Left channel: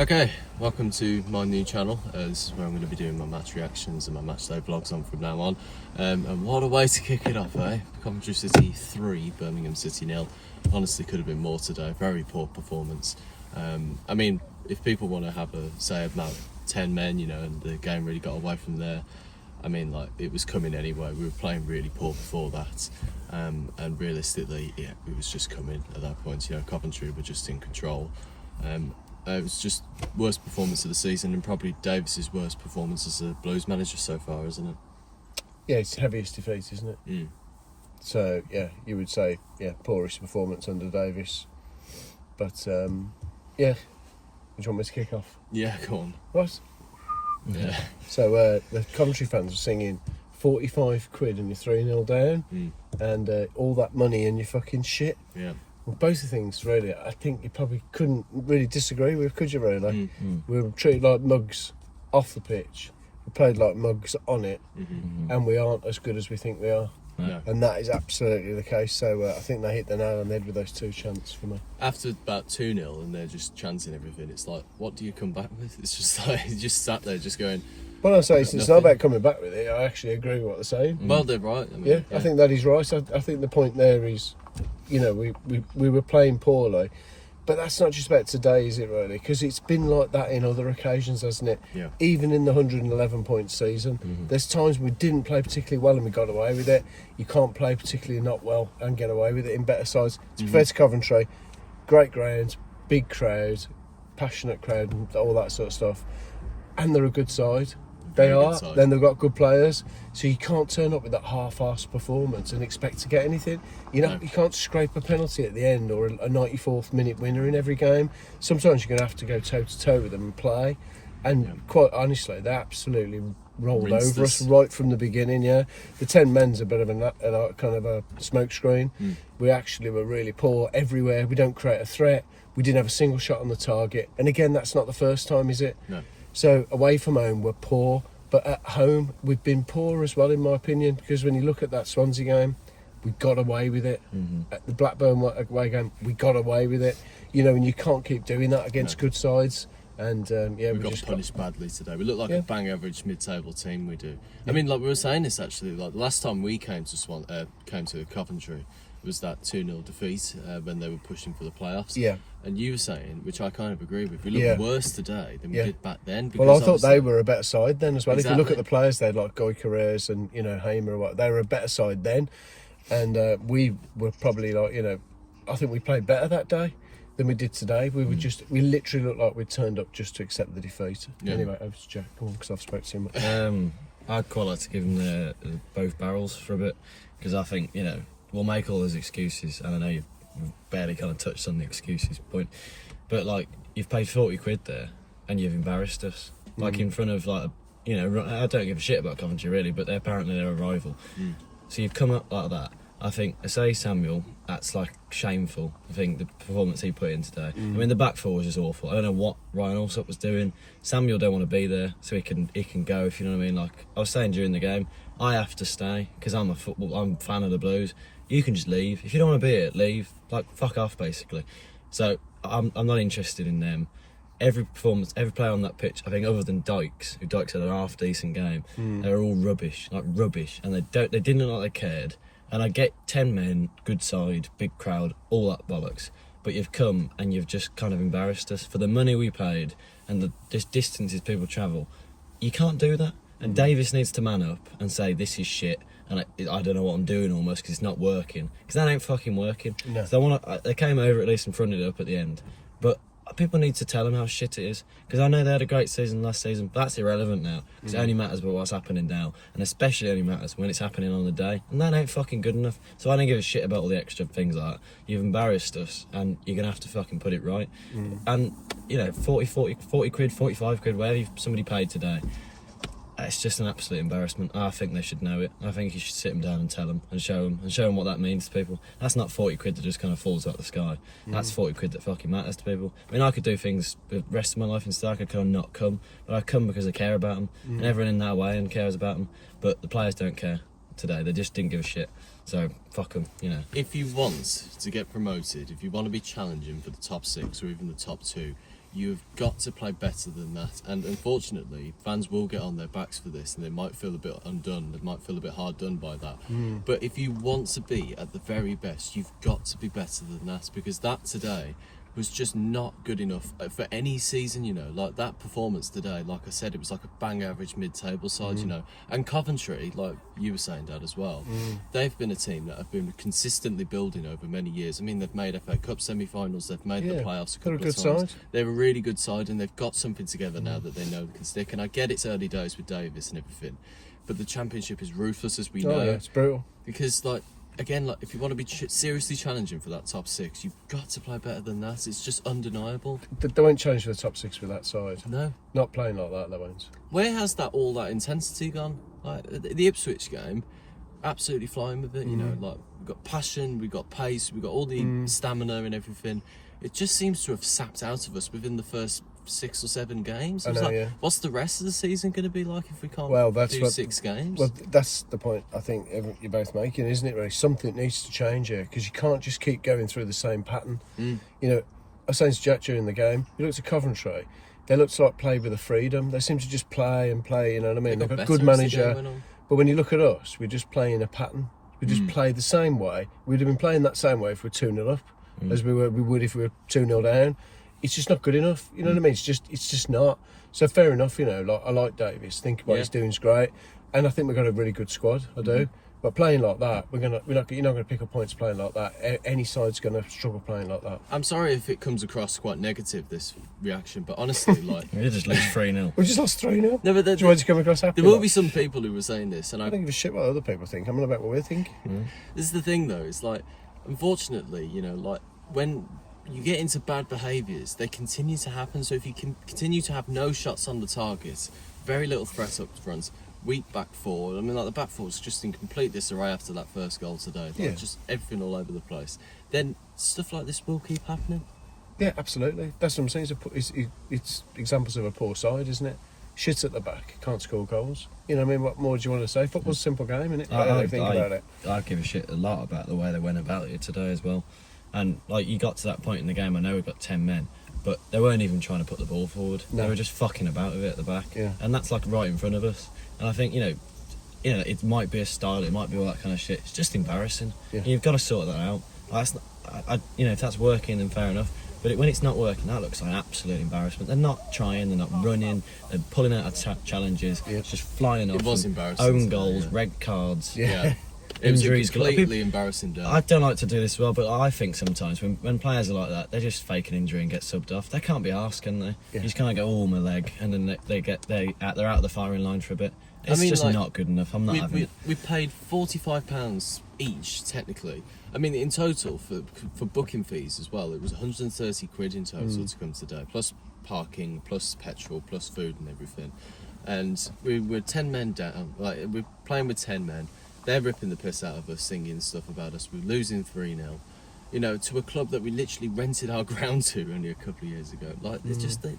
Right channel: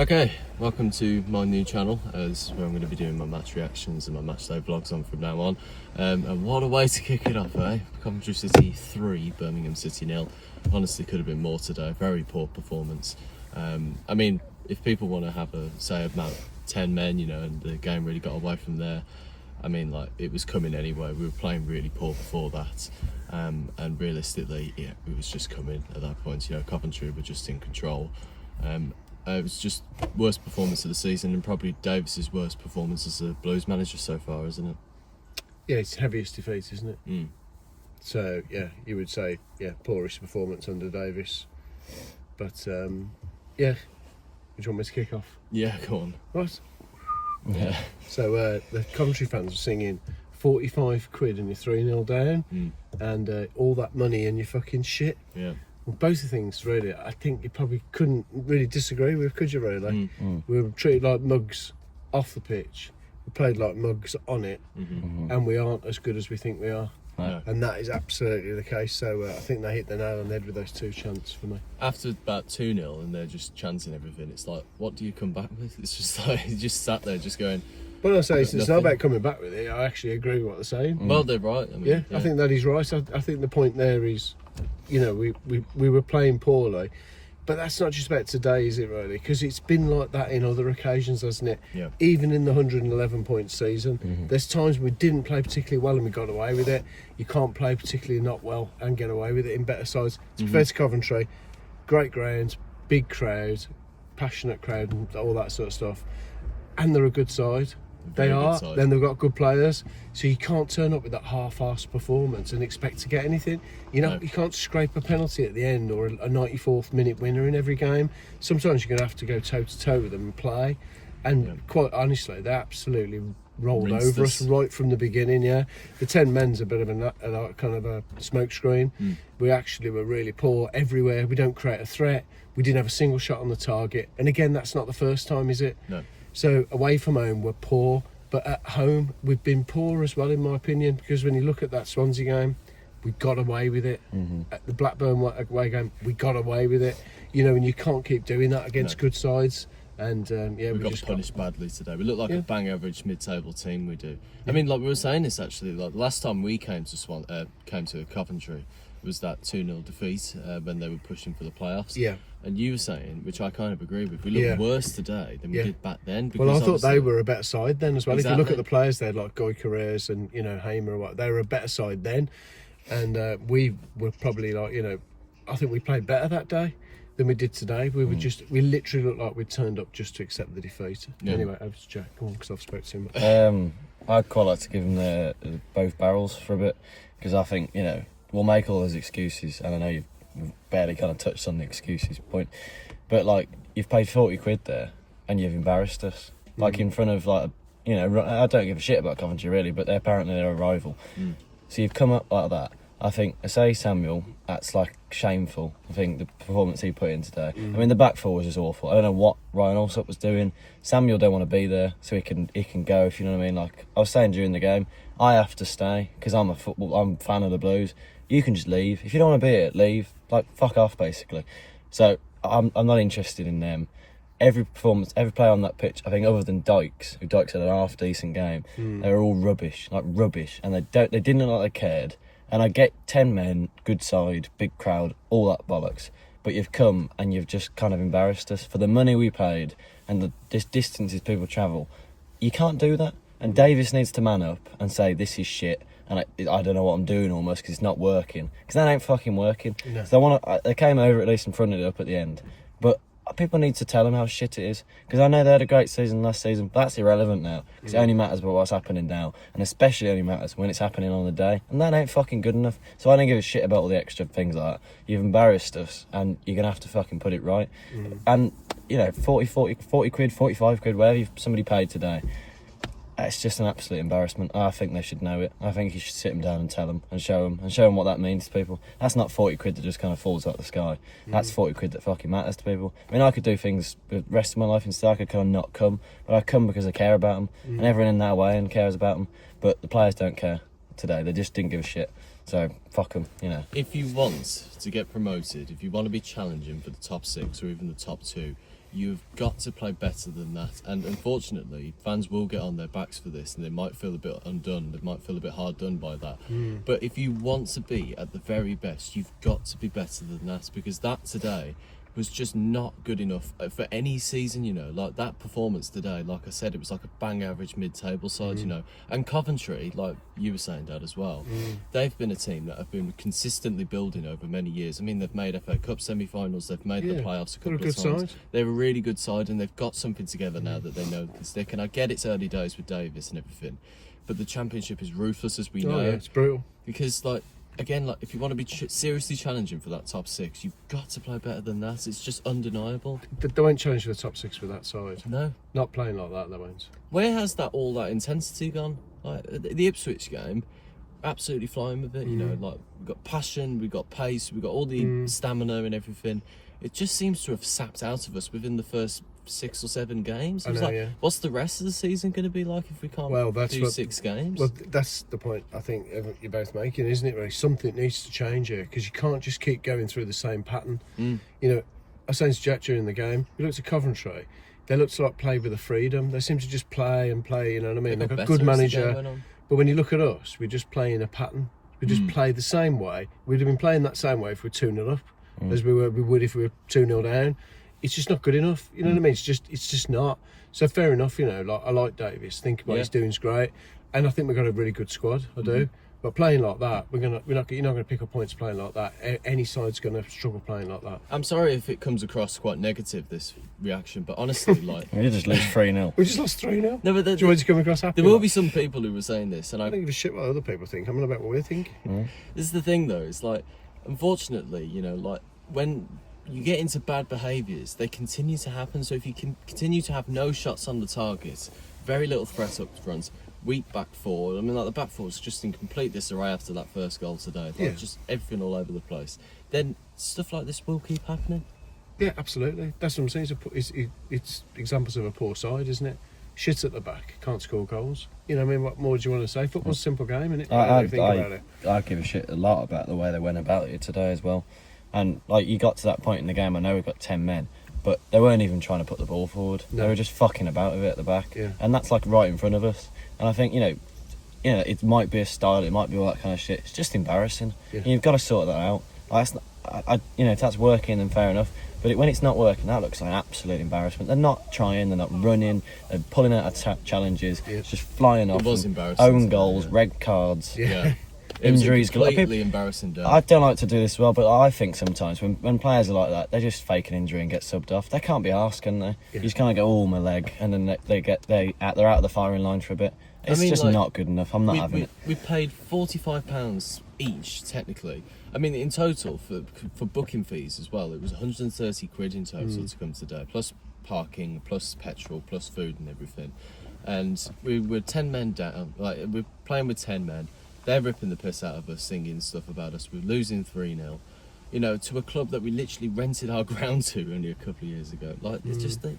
Okay, welcome to my new channel. This is where I'm going to be doing my match reactions and my matchday vlogs on from now on. And what a way to kick it off, eh? Coventry City 3, Birmingham City 0. Honestly, could have been more today. Very poor performance. I mean, if people want to have a say about 10 men, you know, and the game really got away from there, I mean, like, it was coming anyway. We were playing really poor before that. And realistically, yeah, it was just coming at that point. You know, Coventry were just in control. It was just worst performance of the season, and probably Davis's worst performance as a Blues manager so far, isn't it? Yeah, it's heaviest defeat, isn't it? Mm. So yeah, you would say poorest performance under Davis. But yeah, would you want me to kick off? Yeah, go on. Right. Yeah. So the Coventry fans were singing 45 quid and you're 3-0 down, and all that money and you're fucking shit. Yeah. Well, both the things, really, I think you probably couldn't really disagree with, could you, really? We were treated like mugs off the pitch. We played like mugs on it, and we aren't as good as we think we are. No. And that is absolutely the case. So I think they hit the nail on the head with those two chants for me. After about 2-0 and they're just chanting everything, it's like, what do you come back with? It's just like, you just sat there just going... When I say it's not about coming back with it, I actually agree with what they're saying. Well, they're right. I mean, I think that is right. I think the point there is, you know, we were playing poorly, but that's not just about today, is it, really? Because it's been like that in other occasions, hasn't it? Yeah. Even in the 111-point season, there's times we didn't play particularly well and we got away with it. You can't play particularly not well and get away with it in better sides. To be fair to Coventry, great grounds, big crowd, passionate crowd, and all that sort of stuff. And they're a good side. They are. Then they've got good players, so you can't turn up with that half-assed performance and expect to get anything. You know, you can't scrape a penalty at the end or a 94th minute winner in every game. Sometimes you're going to have to go toe-to-toe with them and play. And quite honestly, they absolutely rolled over us right from the beginning. Yeah, the 10 men's a bit of a kind of a smokescreen. We actually were really poor everywhere. We don't create a threat. We didn't have a single shot on the target. And again, that's not the first time, is it? No. So away from home, we're poor, but at home, we've been poor as well, in my opinion, because when you look at that Swansea game, we got away with it. At the Blackburn away game, we got away with it. You know, and you can't keep doing that against good sides. And we got punished badly today. We look like a bang average mid-table team. We do. I mean, like we were saying this actually. Like the last time we came to Coventry was that 2-0 defeat when they were pushing for the playoffs. Yeah. And you were saying, which I kind of agree with, we look worse today than we did back then. Well, I thought they were a better side then as well. Exactly. If you look at the players, they had like Guy Carreras and, you know, Hamer or what. They were a better side then. And we were probably like, you know, I think we played better that day than we did today. We were we literally looked like we'd turned up just to accept the defeat. Yeah. Anyway, over to Jack. Go on, because I've spoken too much. I'd quite like to give them both barrels for a bit, because I think, you know, we'll make all those excuses, and I know you've barely kind of touched on the excuses point, but like, you've paid 40 quid there and you've embarrassed us, like in front of, like, you know, I don't give a shit about Coventry really, but they're a rival. So you've come up like that. I think, I say Samuel, that's like shameful. I think the performance he put in today. I mean, the back four was just awful. I don't know what Ryan Allsop was doing. Samuel don't want to be there, so he can go, if you know what I mean. Like I was saying during the game, I have to stay because I'm a fan of the Blues. You can just leave if you don't want to be here. Leave, like fuck off, basically. So I'm not interested in them. Every performance, every player on that pitch, I think, other than Dykes, who Dykes had an half decent game, they were all rubbish, and they didn't look like they cared. And I get 10 men, good side, big crowd, all that bollocks. But you've come and you've just kind of embarrassed us for the money we paid and the distances people travel. You can't do that. And Davis needs to man up and say, this is shit. And I don't know what I'm doing almost, because it's not working. Because that ain't fucking working. No. So they came over at least and fronted it up at the end. But people need to tell them how shit it is. Because I know they had a great season last season, but that's irrelevant now. Because it only matters about what's happening now. And especially only matters when it's happening on the day. And that ain't fucking good enough. So I don't give a shit about all the extra things like that. You've embarrassed us, and you're going to have to fucking put it right. And, you know, 40 quid, 45 quid, whatever somebody paid today, it's just an absolute embarrassment. I think they should know it. I think you should sit them down and tell them and show them what that means to people. That's not 40 quid that just kind of falls out of the sky. That's 40 quid that fucking matters to people. I mean, I could do things the rest of my life instead. I could kind of not come, but I come because I care about them, and everyone in that way and cares about them. But the players don't care today. They just didn't give a shit. So fuck them, you know. If you want to get promoted, if you want to be challenging for the top 6 or even the top 2, You've got to play better than that, and unfortunately fans will get on their backs for this, and they might feel a bit undone, they might feel a bit hard done by that. But if you want to be at the very best, you've got to be better than that, because that today was just not good enough for any season, you know. Like that performance today, like I said, it was like a bang average mid-table side, you know. And Coventry, like you were saying, Dad, as well, they've been a team that have been consistently building over many years. I mean, they've made FA Cup semi-finals, they've made the playoffs a couple of times. They're a really good side, and they've got something together now that they know can stick. And I get it's early days with Davis and everything, but the Championship is ruthless, as we know. Yeah, it's brutal. Because, like, again, like if you want to be seriously challenging for that top 6, you've got to play better than that. It's just undeniable. They won't challenge for the top 6 with that side. No. Not playing like that, they won't. Where has all that intensity gone? Like the Ipswich game, absolutely flying with it. You know, like we've got passion, we've got pace, we've got all the stamina and everything. It just seems to have sapped out of us within the first 6 or 7 games. It was what's the rest of the season going to be like if we can't do 6 games? Well, that's the point I think you're both making, isn't it, really? Something needs to change here, because you can't just keep going through the same pattern. You know, I was saying to Jack during the game, you looked at Coventry, they looked like play with a freedom. They seem to just play, you know what I mean? They've got a good manager. But when you look at us, we're just playing a pattern. We just play the same way. We'd have been playing that same way if we're 2-0 up, as we would if we were 2-0 down. It's just not good enough. You know what I mean? It's just not. So fair enough, you know, like I like Davis. Think what he's doing is great. And I think we've got a really good squad. I do. But playing like that, you're not gonna pick up points playing like that. Any side's gonna struggle playing like that. I'm sorry if it comes across quite negative, this reaction, but honestly, like We just lose 3-0. We just lost 3-0. No, but Do you want to come across happy? there will be some people who were saying this, and I don't give a shit what other people think. I'm not about what we think. This is the thing, though. It's like, unfortunately, you know, like when you get into bad behaviours, they continue to happen. So if you can continue to have no shots on the target, very little threat up front, weak back four. I mean, like the back four was just in complete disarray after that first goal today. Like just everything all over the place. Then stuff like this will keep happening. Yeah, absolutely. That's what I'm saying. It's examples of a poor side, isn't it? Shit at the back, can't score goals. You know what I mean? What more do you want to say? Football's a simple game, isn't it? I think about it. I give a shit a lot about the way they went about it today as well. And like you got to that point in the game, I know we've got 10 men, but they weren't even trying to put the ball forward. No. They were just fucking about with it at the back. Yeah. And that's like right in front of us. And I think, you know, it might be a style, it might be all that kind of shit. It's just embarrassing. Yeah. And you've got to sort that out. Like, if that's working, then fair enough. But when it's not working, that looks like absolute embarrassment. They're not trying, they're not running, they're pulling out of challenges, it's just flying off. It was embarrassing. Own goals, red cards. Yeah. Injuries, completely embarrassing day. I don't like to do this as well, but I think sometimes when players are like that, they just fake an injury and get subbed off. They can't be arsed, can they? Yeah. You just kind of go, oh, my leg, and then they're out of the firing line for a bit. It's just not good enough. I'm not having it. We paid £45 each, technically. I mean, in total, for booking fees as well, it was 130 quid in total to come today, plus parking, plus petrol, plus food and everything. And we were 10 men down, like we're playing with 10 men. They're ripping the piss out of us, singing stuff about us. We're losing 3-0, you know, to a club that we literally rented our ground to only a couple of years ago. Like, it's just they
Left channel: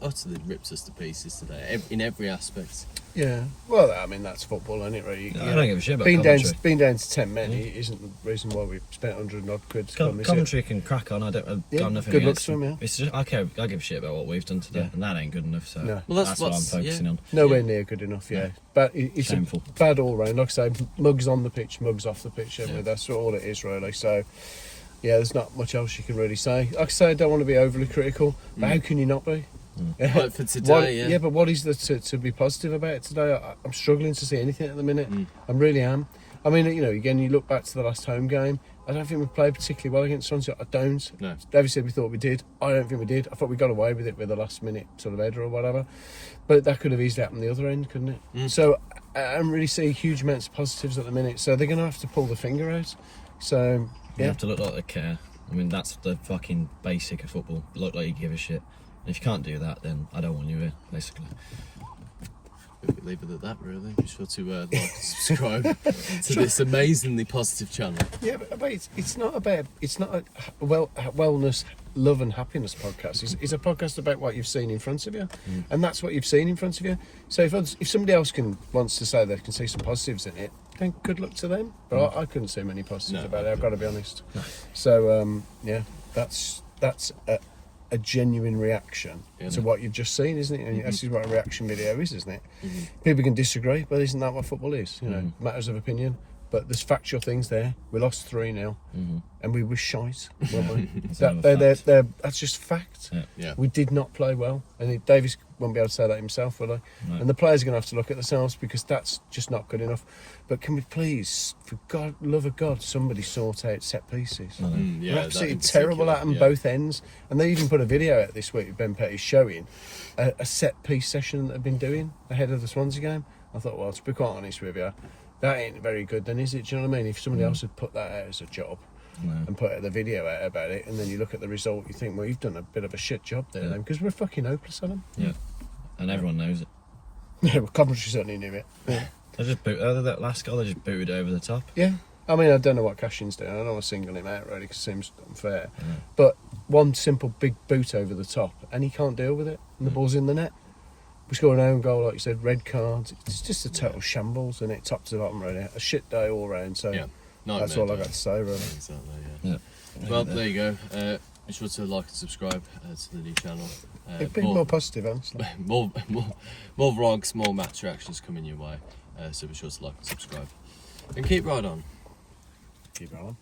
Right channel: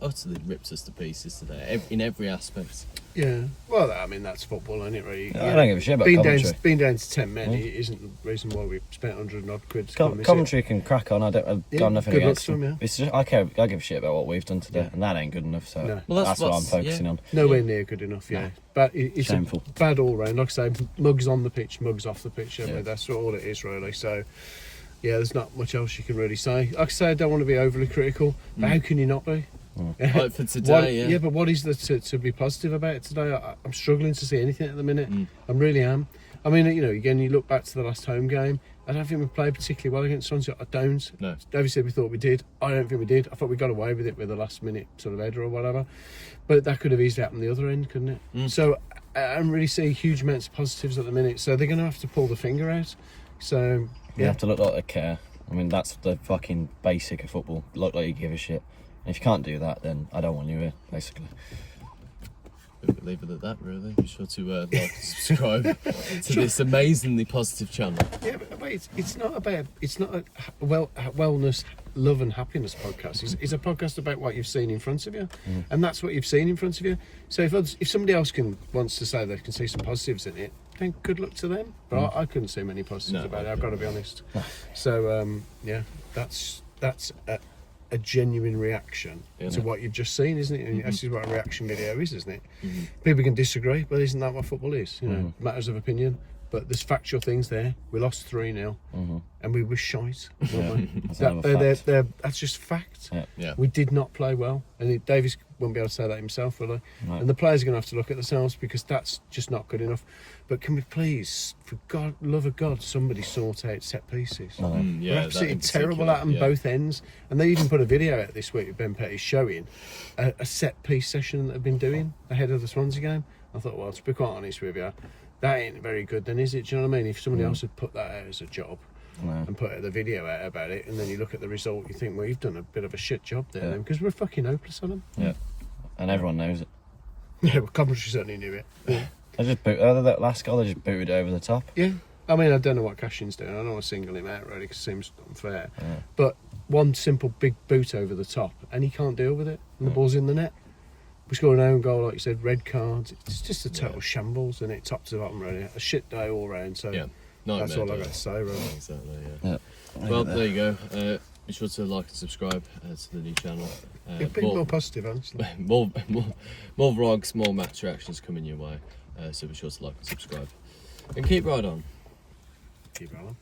utterly ripped us to pieces today, in every aspect. Yeah, well, I mean, that's football, isn't it, really? I don't give a shit about being down to 10 men isn't the reason why we spent 100 odd quid. Coventry can crack on. I've got nothing good luck against to them, them. It's just I give a shit about what we've done today, and that ain't good enough. So that's what I'm focusing on. Nowhere near good enough. Yeah, but it's shameful. Bad all round. Like I say, mugs on the pitch, mugs off the pitch. That's all it is, really. So. Yeah, there's not much else you can really say. Like I say, I don't want to be overly critical, but how can you not be? Like for today, but what is there to be positive about it today? I'm struggling to see anything at the minute. I really am. I mean, you know, again, you look back to the last home game. I don't think we played particularly well against Swansea. I don't. No. David said we thought we did. I don't think we did. I thought we got away with it with the last minute sort of header or whatever. But that could have easily happened the other end, couldn't it? So I don't really see huge amounts of positives at the minute. So they're going to have to pull the finger out. So you have to look like they care. I mean, that's the fucking basic of football. Look like you give a shit. And if you can't do that, then I don't want you here, basically. We could leave it at that, really. Be sure to like and subscribe to this amazingly positive channel. Yeah, but it's not a wellness, love and happiness podcast. It's a podcast about what you've seen in front of you, and that's what you've seen in front of you. So if somebody else wants to say they can see some positives in it, then good luck to them. But I couldn't see many positives about it. I've got to be honest. So that's a genuine reaction Yeah. to what you've just seen, isn't it? And this is what a reaction video is, isn't it? Mm-hmm. People can disagree, but isn't that what football is? You know, matters of opinion. But there's factual things there. We lost 3-0, and we were shite, weren't we? That's just fact. Yeah. Yeah. We did not play well, and Davies won't be able to say that himself, will he? No. And the players are going to have to look at themselves because that's just not good enough. But can we please, for God, love of God, somebody sort out set pieces? No. Yeah, We're that absolutely in terrible at them particular, both ends. And they even put a video out this week with Ben Petty showing a set piece session that they've been doing ahead of the Swansea game. I thought, well, to be quite honest with you, that ain't very good then, is it? Do you know what I mean? If somebody else had put that out as a job and put the video out about it, and then you look at the result, you think, well, you've done a bit of a shit job there then, because we're fucking hopeless at them. Yeah. And everyone knows it. Yeah, well, Coventry certainly knew it. That last goal, they just booted over the top. Yeah. I mean, I don't know what Cashin's doing. I don't want to single him out, really, because it seems unfair. Yeah. But one simple big boot over the top, and he can't deal with it, and the ball's in the net. We scored an own goal, like you said, red cards. It's just a total shambles, and it top to bottom, really. A shit day all round, so Yeah. that's all I Nightmare got to say, really. Exactly, yeah. Yeah. Well, there you go. Be sure to like and subscribe to the new channel. It'd be more positive, honestly. more vlogs, more match reactions coming your way. So be sure to like and subscribe. And keep right on. Keep going.